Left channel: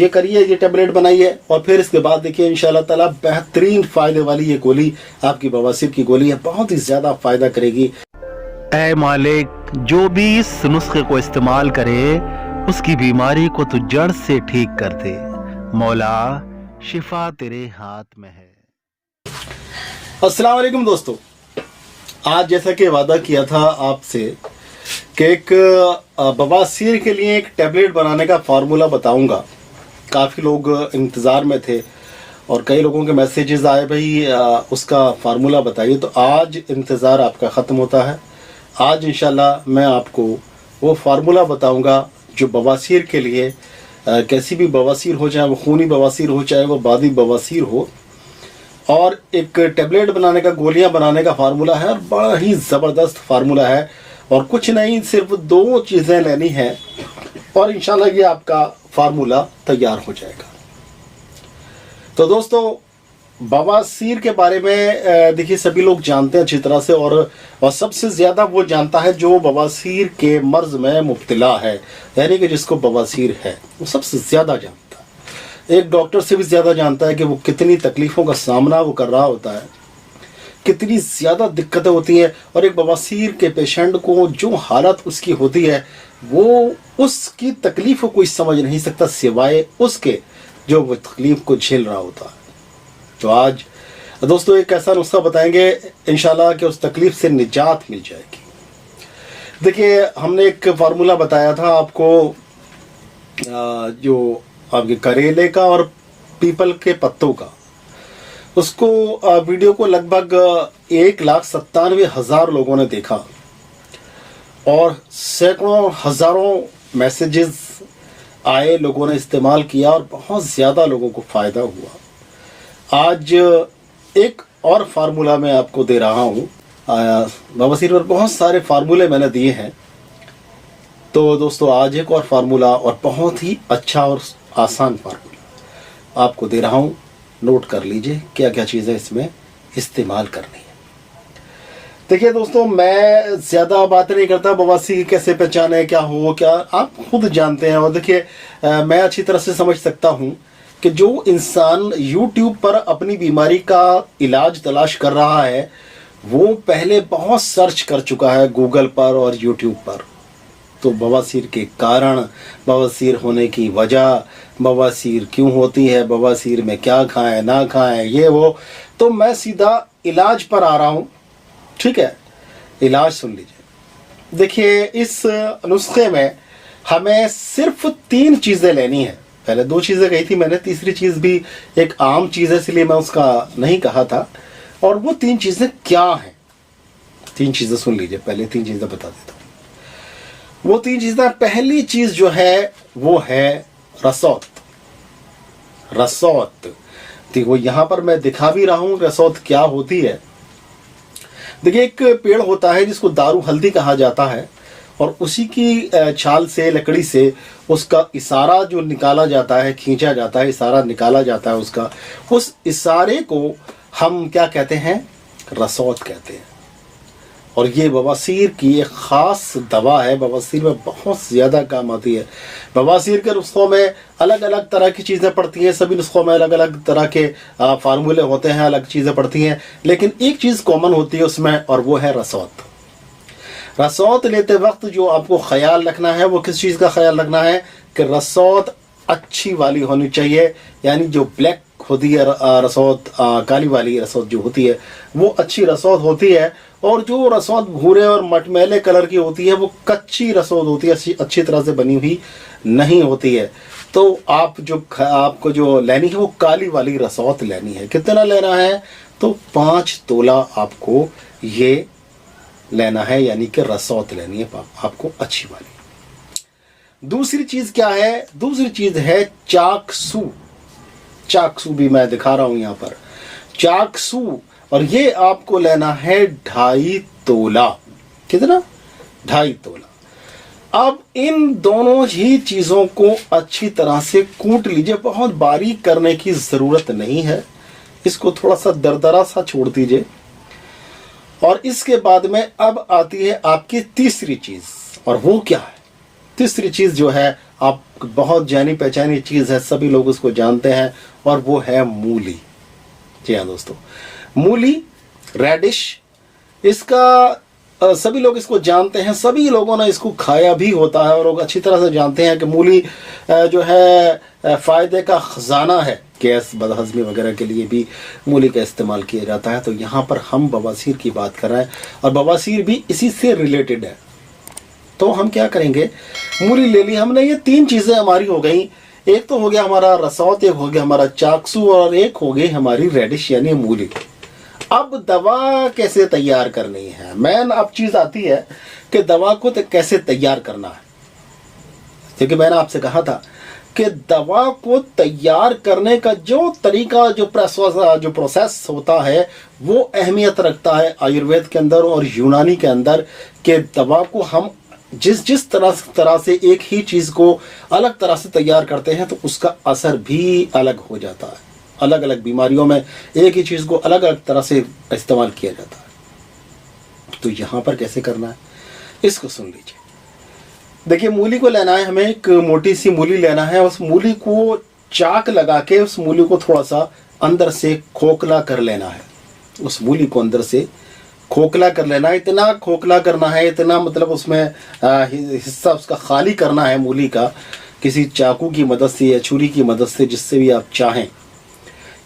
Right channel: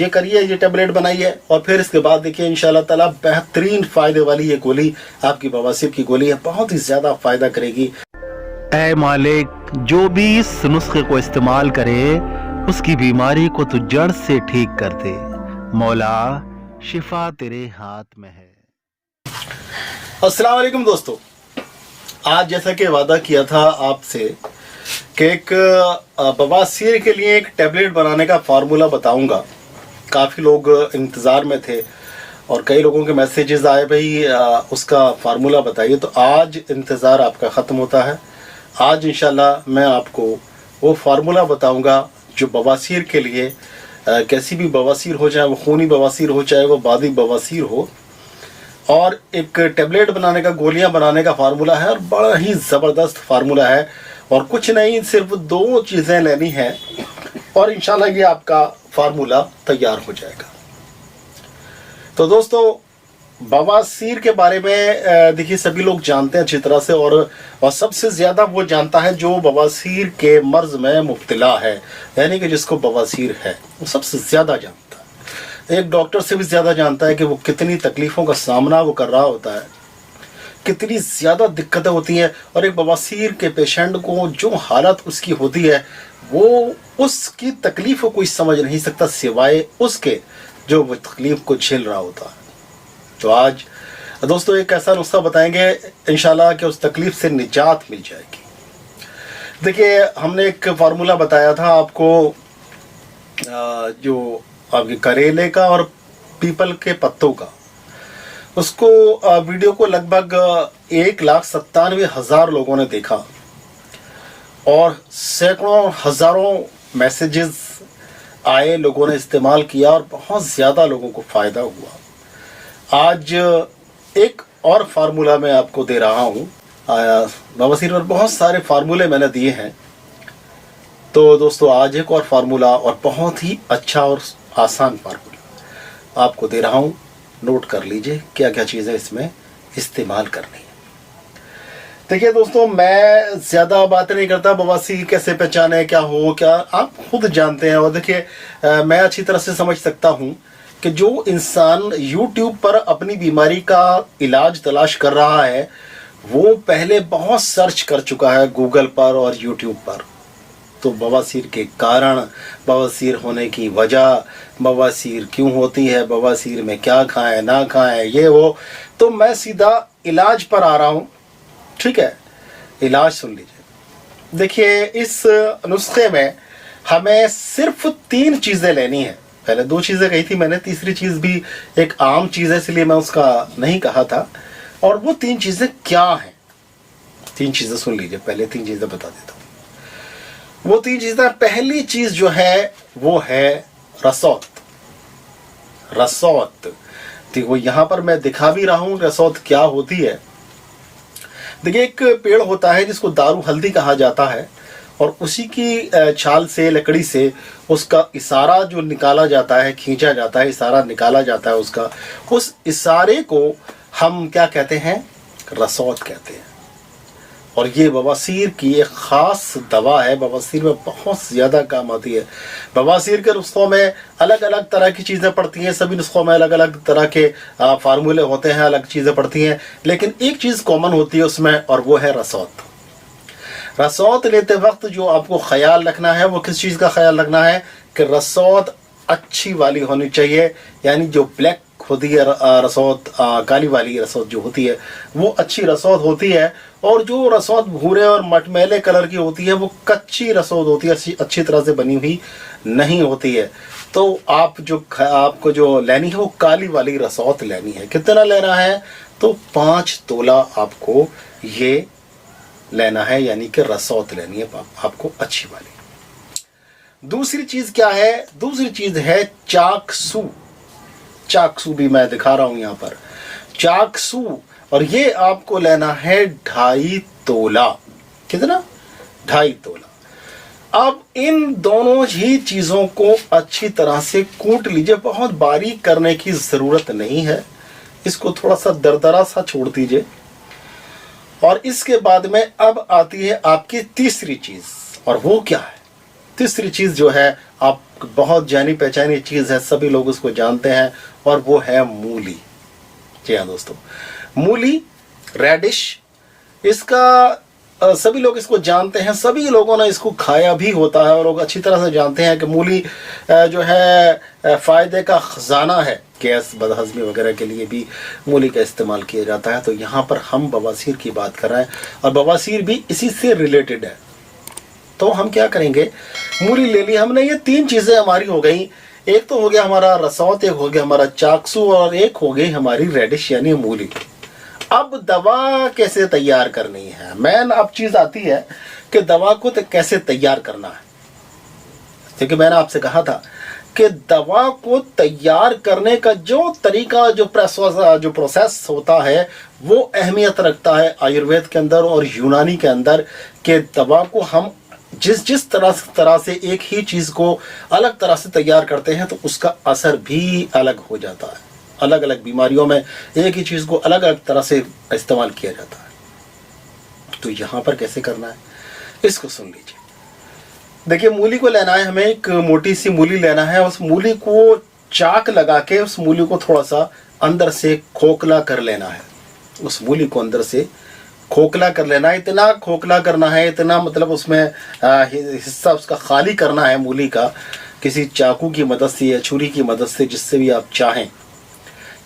ये करिए, ये टेबलेट बनाइए और फिर इसके बाद देखिए इंशाल्लाह ताला बेहतरीन फायदे वाली ये गोली आपकी बवासीर की गोली है, बहुत ही ज्यादा फायदा करेगी। ऐ मालिक, जो भी इस नुस्खे को इस्तेमाल करे उसकी बीमारी को तो जड़ से ठीक कर दे। मौला, शिफा तेरे हाथ में है। अस्सलाम वालेकुम दोस्तों, आज जैसा कि वादा किया था आपसे कि एक बवासीर के लिए एक टेबलेट बनाने का फार्मूला बताऊंगा। काफ़ी लोग इंतज़ार में थे और कई लोगों के मैसेजेस आए, भाई उसका फार्मूला बताइए। तो आज इंतज़ार आपका ख़त्म होता है। आज इंशाल्लाह मैं आपको वो फार्मूला बताऊंगा जो बवासीर के लिए, कैसी भी बवासीर हो, चाहे वो खूनी बवासीर हो, चाहे वो बादी बवासीर हो, और एक टेबलेट बनाने का, गोलियां बनाने का फार्मूला है और बड़ा ही ज़बरदस्त फार्मूला है। और कुछ नहीं, सिर्फ 2 चीज़ें लेनी है और इंशाल्लाह ये आपका फार्मूला तैयार हो जाएगा। तो दोस्तों, बवासीर के बारे में देखिए सभी लोग जानते हैं अच्छी तरह से, और सबसे ज्यादा वो जानता है जो बवासीर के मर्ज में मुब्तला है, यानी कि जिसको बवासीर है, वो सबसे ज्यादा जानता है। एक डॉक्टर से भी ज्यादा जानता है कि वो कितनी तकलीफों का सामना वो कर रहा होता है, कितनी ज्यादा दिक्कतें होती हैं। और एक बवासीर के पेशेंट को जो हालत उसकी होती है, वो उसकी तकलीफ को कोई समझ नहीं सकता सिवाय उसके जो वो तकलीफ को झेल रहा होता है। तो आज दोस्तों एक ऐसा नुस्खा बताएंगे इंशाल्लाह कि उस तकलीफ से निजात मिल जाएगी। देखिए, हमने एक फार्मूला बताया था आपको, जो आपके करेले का और पीपल के पत्तों का, उसको वीडियो को लगभग 1,97,000 लोगों ने देखा और सैकड़ों हजारों मैसेजेस आए, लोगों ने इस्तेमाल किया और बहुत ज्यादा लोगों को फायदा हुआ। आज एक और फार्मूला मैं आपको दे रहा हूँ। बवासीर पर बहुत सारे फार्मूले मैंने दिए हैं, तो दोस्तों आज एक और फार्मूला, और बहुत ही अच्छा और आसान फार्मूला आपको दे रहा हूँ। नोट कर लीजिए क्या क्या चीज़ें इसमें इस्तेमाल करनी है। देखिए दोस्तों, मैं ज्यादा बात नहीं करता, बवासीर कैसे पहचाने, क्या हो, क्या आप खुद जानते हैं। और देखिए, मैं अच्छी तरह से समझ सकता हूँ कि जो इंसान YouTube पर अपनी बीमारी का इलाज तलाश कर रहा है, वो पहले बहुत सर्च कर चुका है गूगल पर और YouTube पर। तो बवासीर के कारण, बवासीर होने की वजह, बवासीर क्यों होती है, बवासीर में क्या खाएं ना खाएं, ये वो। तो मैं सीधा इलाज पर आ रहा हूँ, ठीक है। इलाज सुन लीजिए। देखिए, इस नुस्खे में हमें सिर्फ 3 चीजें लेनी है। पहले 2 चीजें कही थी मैंने, तीसरी चीज भी एक आम चीज है, इसलिए मैं उसका नहीं कहा था। और वो 3 चीजें क्या हैं? 3 चीजें सुन लीजिए, पहले 3 चीजें बता देता हूं। वो 3 चीजें, पहली चीज जो है वो है रसौत। रसौत देखो, यहां पर मैं दिखा भी रहा हूं रसौत क्या होती है। देखिए, एक पेड़ होता है जिसको दारू हल्दी कहा जाता है, और उसी की छाल से, लकड़ी से उसका इशारा जो निकाला जाता है, खींचा जाता है, इशारा निकाला जाता है उसका, उस इशारे को हम क्या कहते हैं? रसौत कहते हैं। और ये बवासीर की एक खास दवा है, बवासीर में बहुत ज्यादा काम आती है। बवासीर के नुस्खों में अलग अलग तरह की चीजें पड़ती हैं, सभी नुस्खों में अलग अलग तरह के फार्मूले होते हैं, अलग चीजें पड़ती हैं, लेकिन एक चीज कॉमन होती है उसमें, और वो है रसौत। रसौत लेते वक्त जो आपको ख्याल रखना है, वो किस चीज का ख्याल रखना है कि रसौत अच्छी वाली होनी चाहिए, यानी जो ब्लैक होती है रसौत, काली वाली रसौत जो होती है वो अच्छी रसौत होती है। और जो रसौत भूरे और मटमैले कलर की होती है वो कच्ची रसौत होती है, अच्छी तरह से बनी हुई नहीं होती है। तो आपको जो लेनी है वो काली वाली रसौत लेनी है। कितना लेना है? तो 5 तोला आपको ये लेना है, यानी कि रसौत लेनी है आपको अच्छी वाली। दूसरी चीज क्या है? दूसरी चीज है चाकसू। चाकसू भी मैं दिखा रहा हूं यहां पर, चाकसू, और ये आपको लेना है 2.5 तोला। कितना? 2.5 तोला। अब इन दोनों ही चीजों को अच्छी तरह से कूट लीजिए, बहुत बारीक करने की जरूरत नहीं है, इसको थोड़ा सा दरदरा सा छोड़ दीजिए। और इसके बाद में अब आती है आपकी तीसरी चीज, और वो क्या है? तीसरी चीज जो है आप बहुत जानी पहचानी चीज है, सभी लोग उसको जानते हैं, और वो है मूली। जी हाँ दोस्तों, मूली, रेडिश, इसका सभी लोग इसको जानते हैं, सभी लोगों ने इसको खाया भी होता है और लोग अच्छी तरह से जानते हैं कि मूली जो है फायदे का खजाना है। गैस बदहजमी वगैरह के लिए भी मूली का इस्तेमाल किया जाता है। तो यहाँ पर हम बवासीर की बात कर रहे हैं और बवासीर भी इसी से रिलेटेड है। तो हम क्या करेंगे, मूली ले ली हमने, ये 3 चीजें हमारी हो गई। एक तो हो गया हमारा रसौत, एक हो गया हमारा चाकसू, और एक हो गई हमारी रेडिश यानी मूली। अब दवा कैसे तैयार करनी है, मेन अब चीज आती है कि दवा को कैसे तैयार करना है। क्योंकि मैंने आपसे कहा था कि दवा को तैयार करने का जो तरीका, जो प्रोसेस होता है, वो अहमियत रखता है आयुर्वेद के अंदर और यूनानी के अंदर, कि दवा को हम जिस तरह से एक ही चीज को अलग तरह से तैयार करते हैं तो उसका असर भी अलग हो जाता है। अलग अलग बीमारियों में एक ही चीज को अलग अलग तरह से इस्तेमाल किया जाता है। तो यहां पर कैसे करना है, इसको सुन लीजिए। देखिए, मूली को लेना है हमें, एक मोटी सी मूली लेना है। उस मूली को चाक लगा के उस मूली को थोड़ा सा अंदर से खोखला कर लेना है। उस मूली को अंदर से खोखला कर लेना है। इतना खोखला करना है, इतना मतलब उसमें हिस्सा उसका खाली करना है मूली का, किसी चाकू की मदद से या छुरी की मदद से, जिससे भी आप चाहें,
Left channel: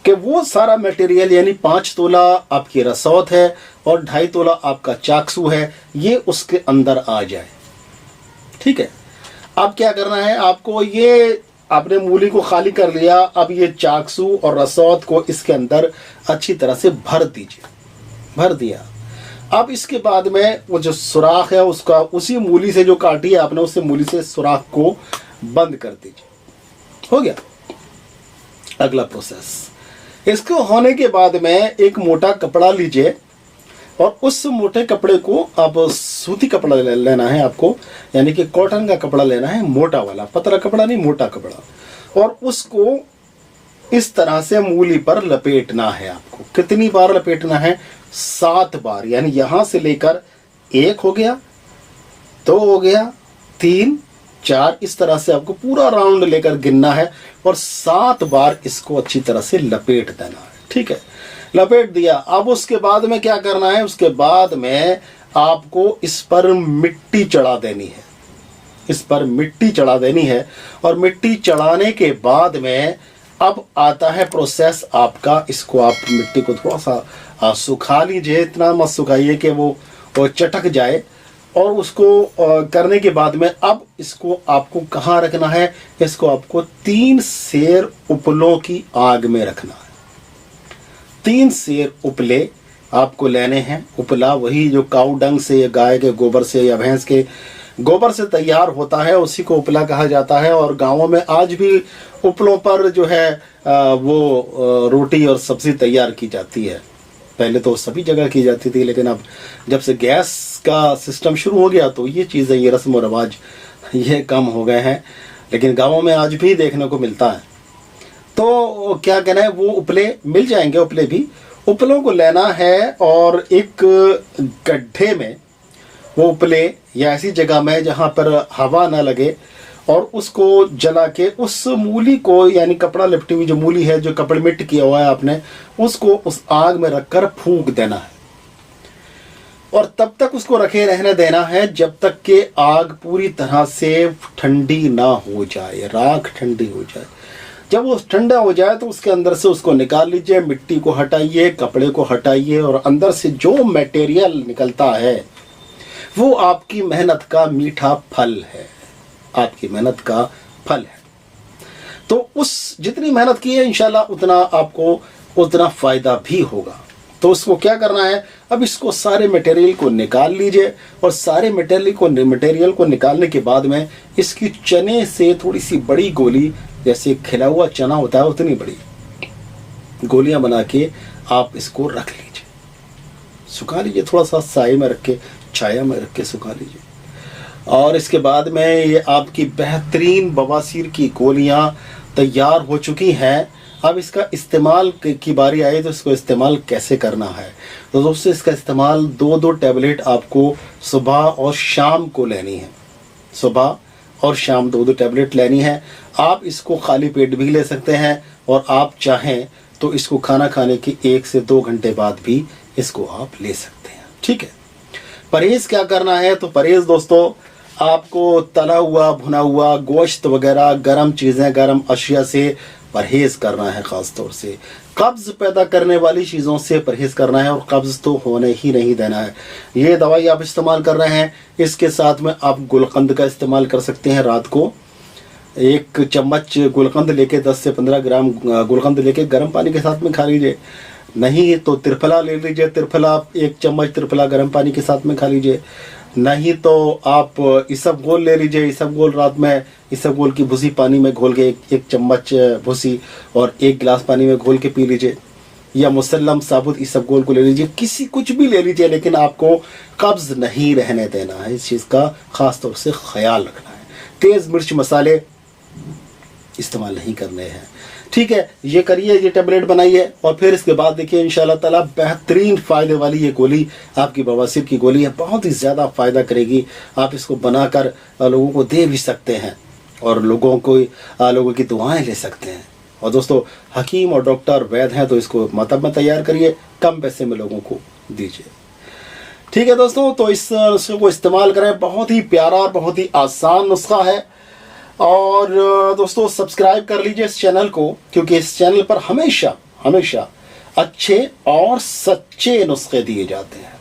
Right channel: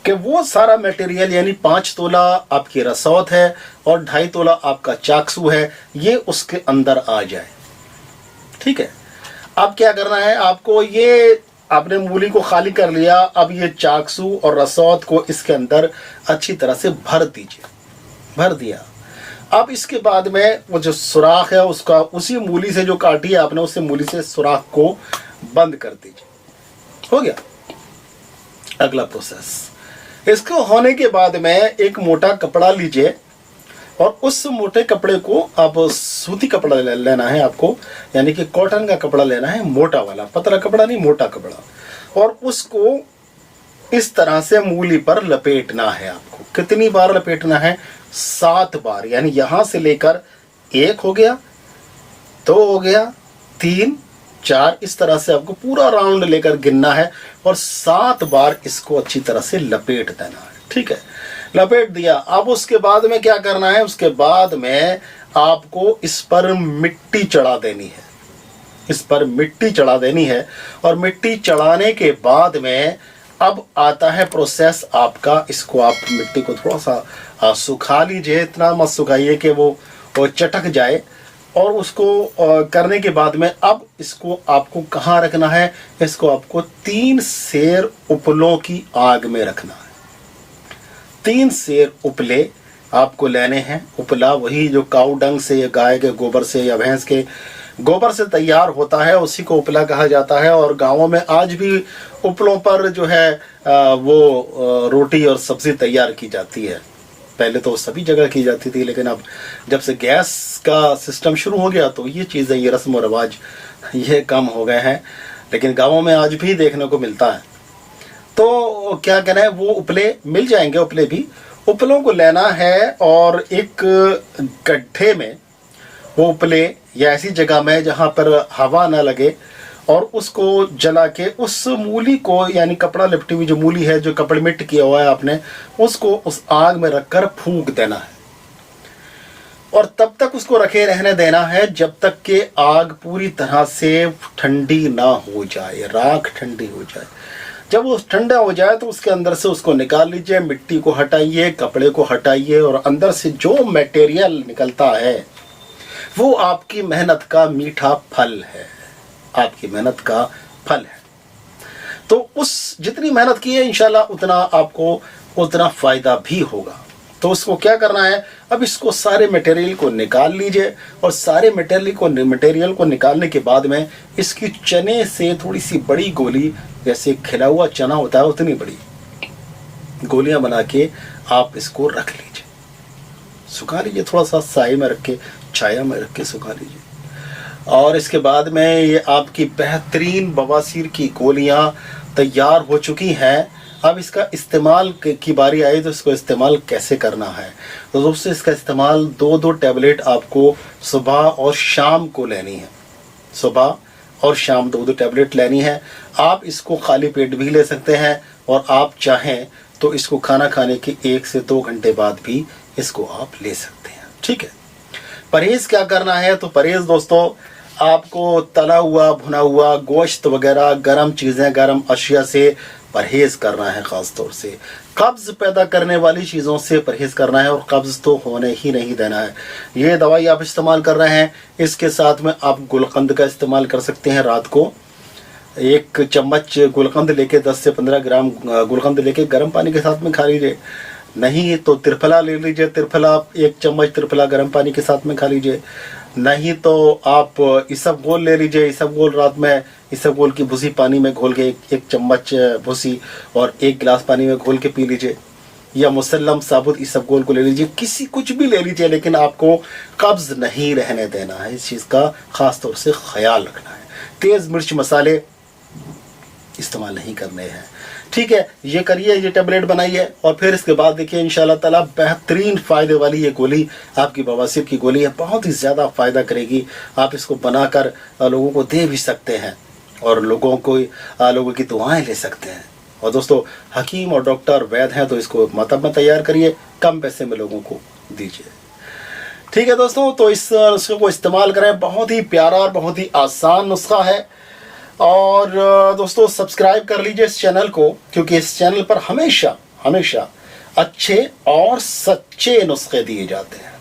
कि वो सारा मटेरियल यानी 5 तोला आपकी रसौत है और 2.5 तोला आपका चाकसू है, ये उसके अंदर आ जाए। ठीक है। अब क्या करना है आपको, ये आपने मूली को खाली कर लिया, अब ये चाकसू और रसौत को इसके अंदर अच्छी तरह से भर दीजिए। भर दिया। अब इसके बाद में वो जो सुराख है उसका, उसी मूली से जो काटी है आपने, उसी मूली से सुराख को बंद कर दीजिए। हो गया अगला प्रोसेस। इसको होने के बाद में एक मोटा कपड़ा लीजिए और उस मोटे कपड़े को, आप सूती कपड़ा लेना है आपको, यानी कि कॉटन का कपड़ा लेना है, मोटा वाला, पतला कपड़ा नहीं, मोटा कपड़ा, और उसको इस तरह से मूली पर लपेटना है आपको। कितनी बार लपेटना है? 7 बार। यानी यहां से लेकर 1 हो गया, 2 हो गया, 3, 4, इस तरह से आपको पूरा राउंड लेकर गिनना है और 7 बार इसको अच्छी तरह से लपेट देना है। ठीक है, लपेट दिया। अब उसके बाद में क्या करना है, उसके बाद में आपको इस पर मिट्टी चढ़ा देनी है। इस पर मिट्टी चढ़ा देनी है और मिट्टी चढ़ाने के बाद में अब आता है प्रोसेस आपका। इसको आप मिट्टी को थोड़ा सा सुखा लीजिए, इतना मत सुखाइए कि वो चटक जाए। और उसको करने के बाद में अब इसको आपको कहाँ रखना है, इसको आपको 3 सेर उपलों की आग में रखना है। 3 सेर उपले आपको लेने हैं। उपला वही जो काऊ डंग से या गाय के गोबर से या भैंस के गोबर से तैयार होता है, उसी को उपला कहा जाता है। और गांवों में आज भी उपलों पर जो है वो रोटी और सब्जी तैयार की जाती है। पहले तो सभी जगह की जाती थी, लेकिन अब जब से गैस का सिस्टम शुरू हो गया तो ये चीजें, ये रस्म और रिवाज ये कम हो गए हैं, लेकिन गांवों में आज भी देखने को मिलता है। तो क्या कहना है, वो उपले मिल जाएंगे। उपले भी, उपलों को लेना है और एक गड्ढे में वो उपले या ऐसी जगह में जहां पर हवा न लगे, और उसको जला के उस मूली को, यानी कपड़ा लिपटी हुई जो मूली है, जो कपड़े मिट किया हुआ है आपने, उसको उस आग में रखकर फूंक देना है। और तब तक उसको रखे रहने देना है जब तक कि आग पूरी तरह से ठंडी ना हो जाए, राख ठंडी हो जाए। जब वो ठंडा हो जाए तो उसके अंदर से उसको निकाल लीजिए, मिट्टी को हटाइए, कपड़े को हटाइए, और अंदर से जो मटेरियल निकलता है वो आपकी मेहनत का मीठा फल है। आपकी मेहनत का फल है। तो उस जितनी मेहनत की है इंशाल्लाह उतना आपको उतना फायदा भी होगा। तो उसको क्या करना है, अब इसको सारे मटेरियल को निकाल लीजिए, और सारे मटेरियल को निकालने के बाद में इसकी चने से थोड़ी सी बड़ी गोली, जैसे खिला हुआ चना होता है उतनी बड़ी गोलियां बना के आप इसको रख लीजिए, सुखा लीजिए, थोड़ा सा साए में रख के, छाया में रख के सुखा लीजिए। और इसके बाद में ये आपकी बेहतरीन बवासीर की गोलियां तैयार हो चुकी हैं। अब इसका इस्तेमाल की बारी आई तो इसको इस्तेमाल कैसे करना है। तो दोस्तों, इसका इस्तेमाल 2-2 टैबलेट आपको सुबह और शाम को लेनी है। सुबह और शाम 2 टैबलेट लेनी है। आप इसको खाली पेट भी ले सकते हैं और आप चाहें तो इसको खाना खाने के 1 से 2 घंटे बाद भी इसको आप ले सकते हैं। ठीक है। परहेज क्या करना है? तो परहेज दोस्तों, आपको तला हुआ भुना हुआ गोश्त वगैरह, गर्म चीजें, गर्म अशिया से परहेज करना है। खास तौर से कब्ज पैदा करने वाली चीजों से परहेज करना है और कब्ज तो होने ही नहीं देना है। ये दवाई आप इस्तेमाल कर रहे हैं, इसके साथ में आप गुलकंद का इस्तेमाल कर सकते हैं। रात को 1 चम्मच गुलकंद लेके 10 से 15 ग्राम गुलकंद लेके गर्म पानी के साथ में खा लीजिए। नहीं तो त्रिफला ले लीजिए, त्रिफला 1 चम्मच त्रिफला गर्म पानी के साथ में खा लीजिए। नहीं तो आप इसबगोल ले लीजिए। इसबगोल रात में इसबगोल की भूसी पानी में घोल के 1 चम्मच भूसी और 1 गिलास पानी में घोल के पी लीजिए। या मुसल्लम साबुत इसबगोल को ले लीजिए, कुछ भी ले लीजिए, लेकिन आपको कब्ज नहीं रहने देना है। इस चीज का खास तौर से ख्याल रखना है। तेज मिर्च मसाले इस्तेमाल नहीं करने हैं। ठीक है, ये करिए, ये टेबलेट बनाइए और फिर इसके बाद देखिए इंशाल्लाह ताला बेहतरीन फायदे वाली ये गोली आपकी बवासीर की गोली है, बहुत ही ज्यादा फायदा करेगी। आप इसको बनाकर लोगों को दे भी सकते हैं और लोगों की दुआएं ले सकते हैं। और दोस्तों, हकीम और डॉक्टर वैद्य हैं तो इसको मतलब में तैयार करिए, कम पैसे में लोगों को दीजिए। ठीक है दोस्तों, तो इस नुस्खे को इस्तेमाल करें। बहुत ही प्यारा और बहुत ही आसान नुस्खा है। और दोस्तों, सब्सक्राइब कर लीजिए इस चैनल को, क्योंकि इस चैनल पर हमेशा अच्छे और सच्चे नुस्खे दिए जाते हैं।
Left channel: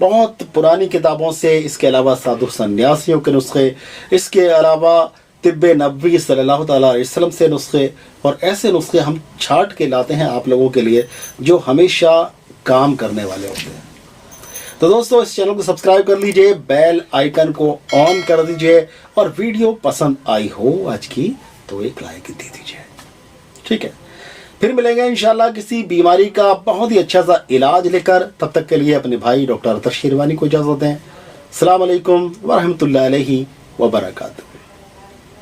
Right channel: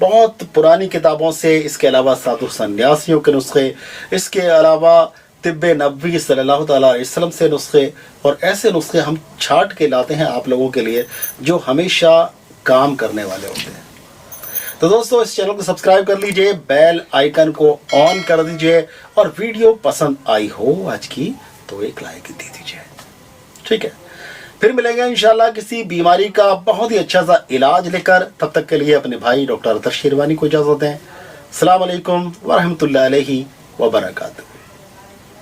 बहुत पुरानी किताबों से, इसके अलावा साधु सन्यासियों के नुस्खे, इसके अलावा तिब्बे नबवी सल्लल्लाहु अलैहि वसल्लम से नुस्खे, और ऐसे नुस्खे हम छांट के लाते हैं आप लोगों के लिए जो हमेशा काम करने वाले होते हैं। तो दोस्तों, इस चैनल को सब्सक्राइब कर लीजिए, बेल आइकन को ऑन कर दीजिए और वीडियो पसंद आई हो आज की तो एक लाइक दे दीजिए। ठीक है, फिर मिलेंगे इंशाल्लाह किसी बीमारी का बहुत ही अच्छा सा इलाज लेकर। तब तक के लिए अपने भाई डॉक्टर अतर शेरवानी को इजाजत दें। अस्सलाम वालेकुम व रहमतुल्लाहि व बरकातहू।